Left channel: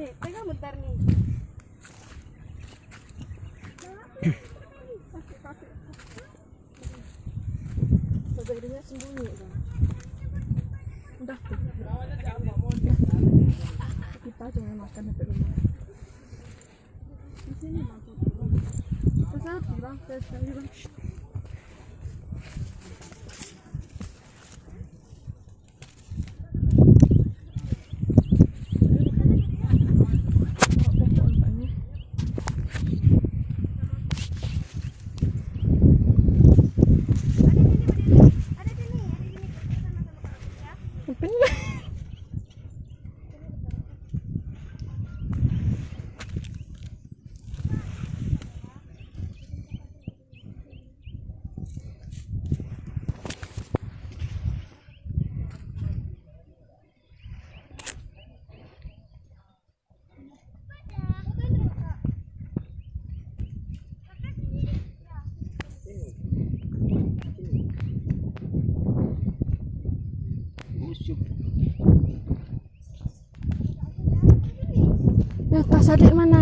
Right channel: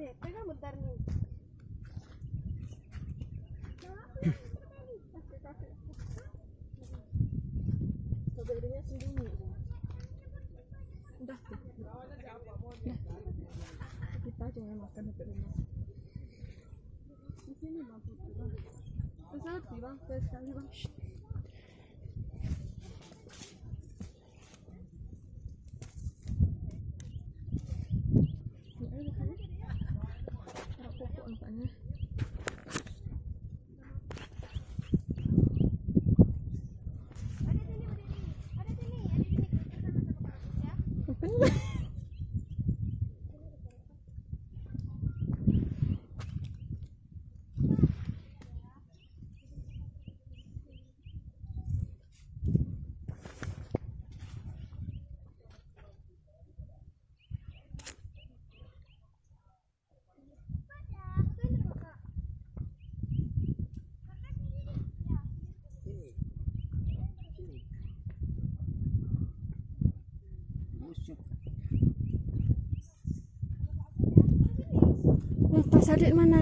Dek, pegang bentar nih. Saudaranya sembunyi. Udah tuh. Kita jangan makan sampai rumah. Di sini masuk. Saya bilang, saya bilang. Ya, tas adik mana?